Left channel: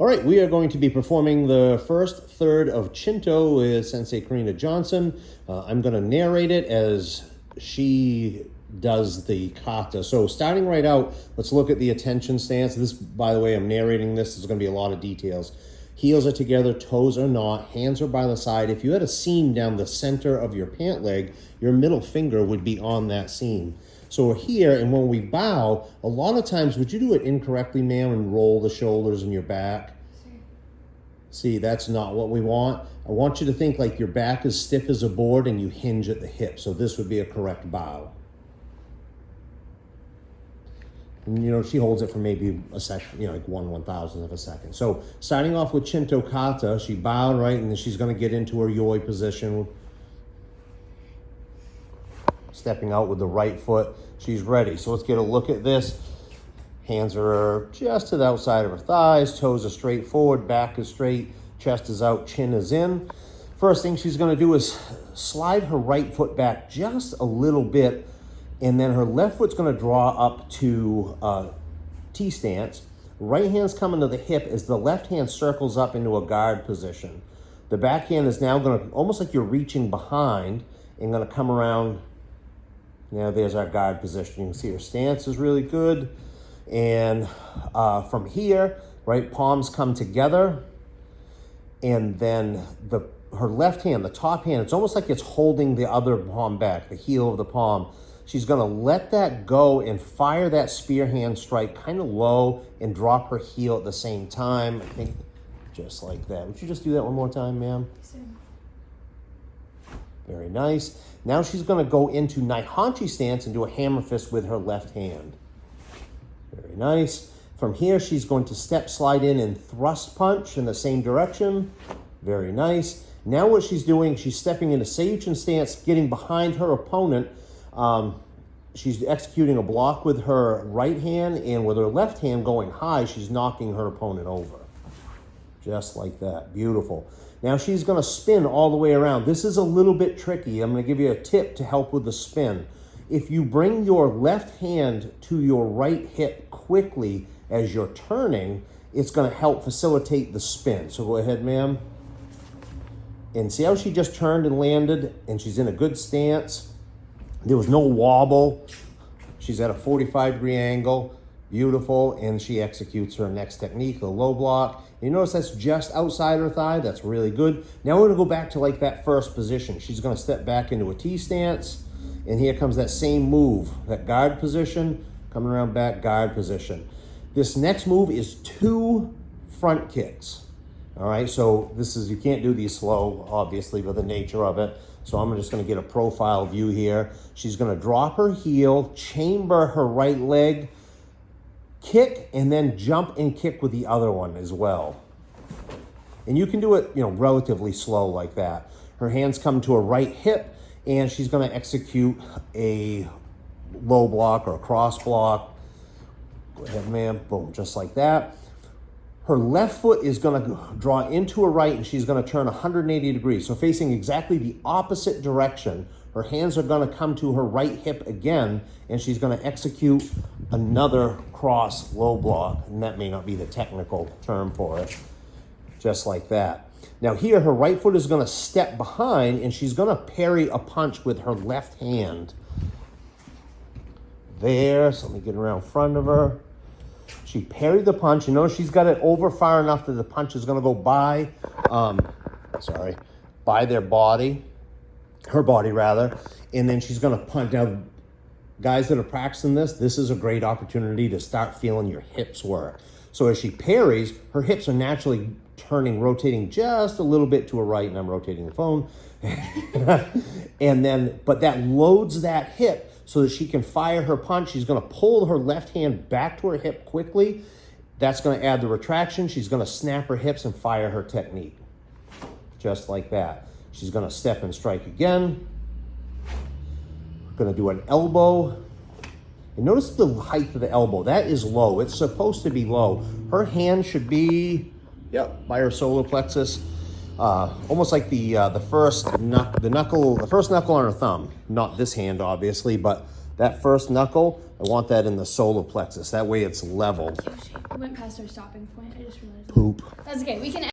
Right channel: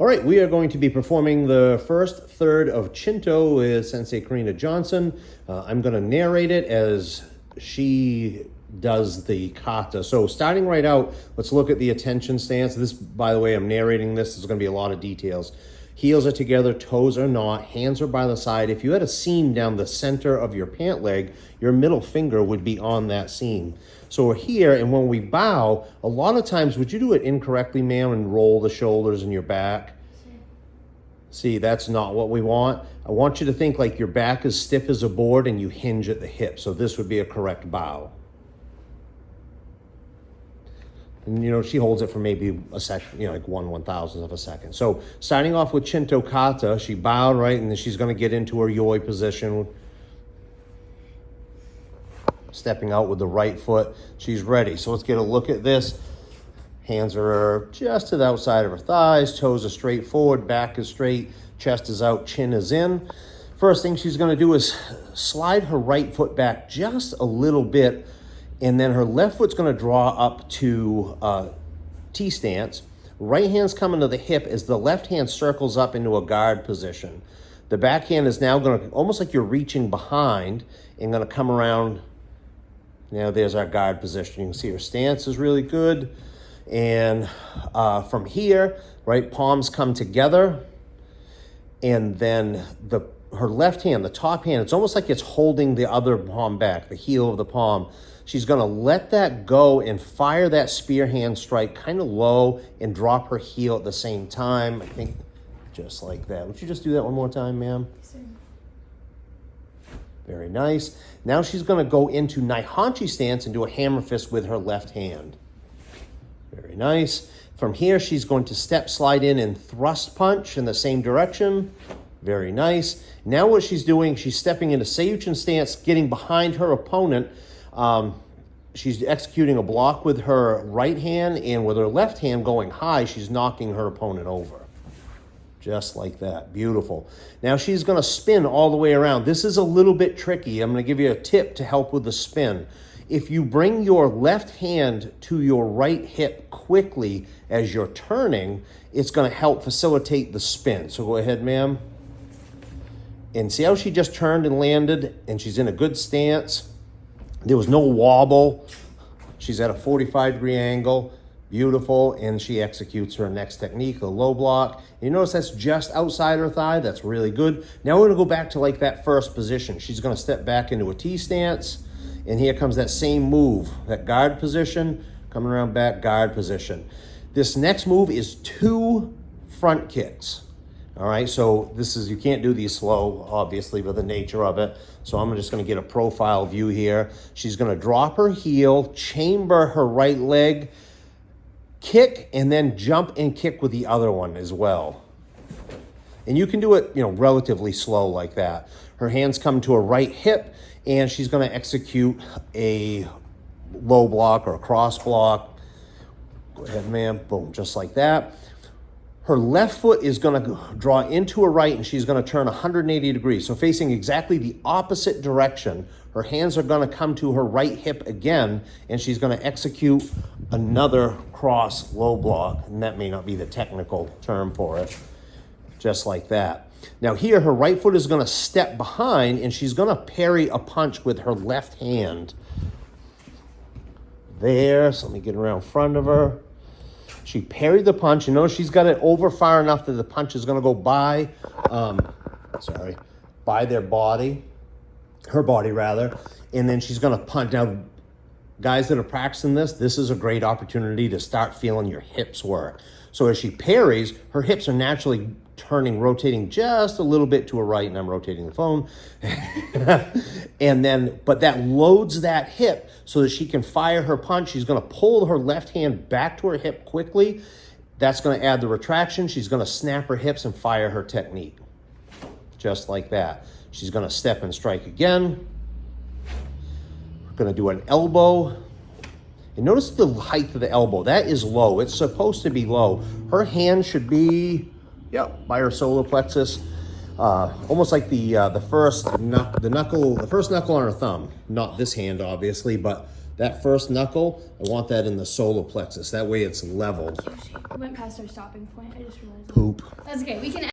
All right, we are going to be performing the first third of Chinto with Sensei Karina Johnson. I'm going to narrate it as she does the kata. So starting right out, let's look at the attention stance. This, by the way, I'm narrating this. There's going to be a lot of details. Heels are together, toes are not, hands are by the side. If you had a seam down the center of your pant leg, your middle finger would be on that seam. So we're here, and when we bow, a lot of times, would you do it incorrectly, ma'am, and roll the shoulders and your back? Sure. See, that's not what we want. I want you to think like your back is stiff as a board and you hinge at the hip. So this would be a correct bow. And, you know, she holds it for maybe a second, you know, like 1/1000th of a second. So starting off with Chinto kata, she bowed, right, and then she's going to get into her yoi position. Stepping out with the right foot. She's ready. So let's get a look at this. Hands are just to the outside of her thighs. Toes are straight forward. Back is straight. Chest is out. Chin is in. First thing she's going to do is slide her right foot back just a little bit. And then her left foot's going to draw up to T stance. Right hand's coming to the hip as the left hand circles up into a guard position. The back hand is now going to, almost like you're reaching behind, and going to come around. Now there's our guard position. You can see her stance is really good. And from here, right, palms come together. And then her left hand, the top hand, it's almost like it's holding the other palm back, the heel of the palm. She's gonna let that go and fire that spear hand strike kind of low and drop her heel at the same time. I think just like that. Would you just do that one more time, ma'am? Yes, sir. Very nice. Now she's going to go into Naihanchi stance and do a hammer fist with her left hand. Very nice. From here, she's going to step, slide in, and thrust punch in the same direction. Very nice. Now what she's doing, she's stepping into Seiyuchin stance, getting behind her opponent. She's executing a block with her right hand, and with her left hand going high, she's knocking her opponent over. Just like that. Beautiful. Now she's going to spin all the way around. This is a little bit tricky. I'm going to give you a tip to help with the spin. If you bring your left hand to your right hip quickly as you're turning, it's going to help facilitate the spin. So go ahead, ma'am. And see how she just turned and landed, and she's in a good stance. There was no wobble. She's at a 45-degree angle. Beautiful, and she executes her next technique, the low block. You notice that's just outside her thigh. That's really good. Now we're going to go back to like that first position. She's going to step back into a T stance, and here comes that same move, that guard position, coming around back, guard position. This next move is 2 front kicks. All right, so this is, you can't do these slow, obviously, by the nature of it. So I'm just going to get a profile view here. She's going to drop her heel, chamber her right leg, kick, and then jump and kick with the other one as well. And you can do it, you know, relatively slow like that. Her hands come to her right hip, and she's going to execute a low block or a cross block. Go ahead, ma'am. Boom, just like that. Her left foot is going to draw into her right, and she's going to turn 180 degrees. So facing exactly the opposite direction. Her hands are going to come to her right hip again, and she's going to execute another cross low block. And that may not be the technical term for it. Just like that. Now here, her right foot is going to step behind, and she's going to parry a punch with her left hand. There, so let me get around in front of her. She parried the punch. You know, she's got it over far enough that the punch is going to go by, by their body, her body rather, and then she's going to punch. Now, guys that are practicing this is a great opportunity to start feeling your hips work. So as she parries, her hips are naturally turning, rotating just a little bit to her right, and I'm rotating the phone. And then, but that loads that hip so that she can fire her punch. She's going to pull her left hand back to her hip quickly. That's going to add the retraction. She's going to snap her hips and fire her technique. Just like that. She's going to step and strike again. Going to do an elbow. And notice the height of the elbow. That is low. It's supposed to be low. Her hand should be, by her solar plexus. Almost like the first knuckle on her thumb. Not this hand, obviously, but That first knuckle, I want that in the solar plexus. That way it's level. We went past our stopping point. I just realized. Poop. That's okay. We can